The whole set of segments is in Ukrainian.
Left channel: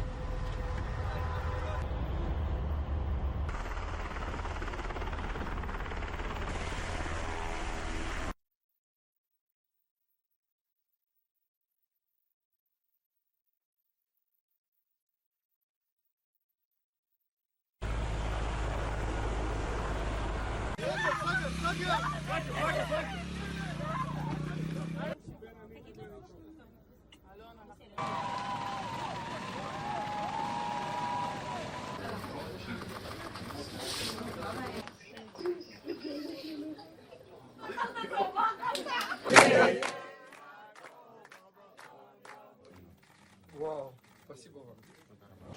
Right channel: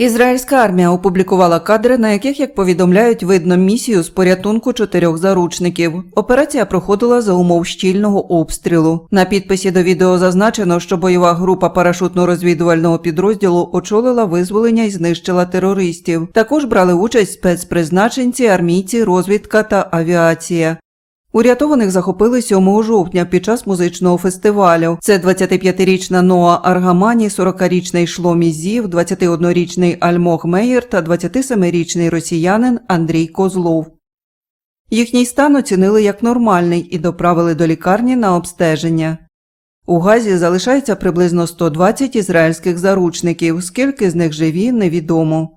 Ізраїльська армія опублікувала кадри, на яких, як повідомляють, видно місію з порятунку чотирьох заручників. Операція проходила за умов щільного обстрілу. На підписі до відео зазначено, що бойова група парашутно-розвідувального підрозділу очолила визволення і знищила терористів. Також брали участь спецпризначенці, армійці, розвідка та авіація. Урятованих захопили 7 жовтня під час музичного фестивалю. Це 25-річна Ноа Аргамані, 40-річний Шломі Зів, 21-річний Альмог Мейєр та 27-річний росіянин Андрій Козлов. Їхній стан оцінили як нормальний і доправили до лікарні на обстеження. У Газі залишається приблизно 120 ізраїльських заручників. Скільки з них живі, невідомо.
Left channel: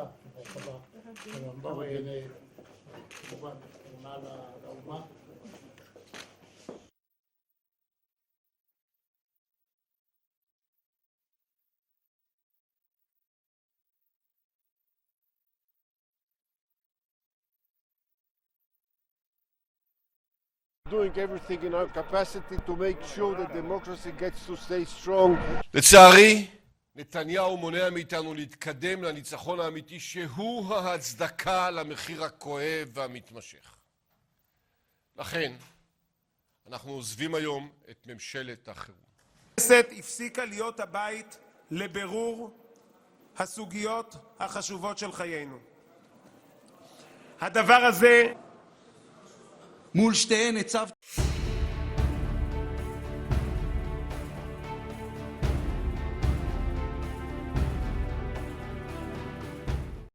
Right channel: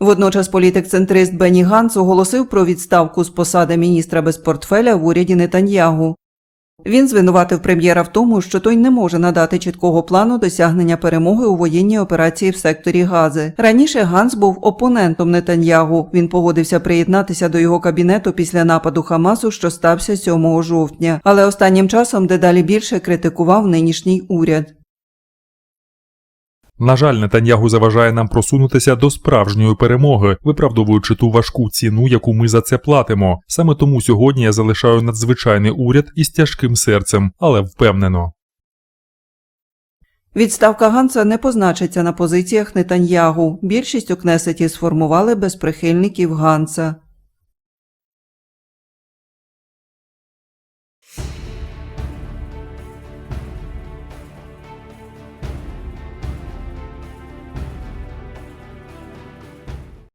Водночас політик-центрист Бені Ганц оголосив про відставку з посади міністра без портфеля в уряді Нетаньягу. Він звинуватив прем'єра в тому, що той не може надати чіткого плану досягнення перемоги у воєнній операції в секторі Гази. Раніше Ганс був опонентом Нетаньягу. Він погодився приєднатися до його кабінету після нападу Хамасу, що стався 7 жовтня. Але останнім часом дедалі більше критикував нинішній уряд. На жаль, Нетаньягу заважає нам просунутися до справжньої перемоги, виправдовуючи ту важку ціну, яку ми за це платимо. Саме тому сьогодні я залишаю надзвичайний уряд із тяжким серцем, але впевнено. Відставка Ганса не позначиться на позиціях Нетаньягу. Більшість у Кнесеті сформували без прихильників Ганса.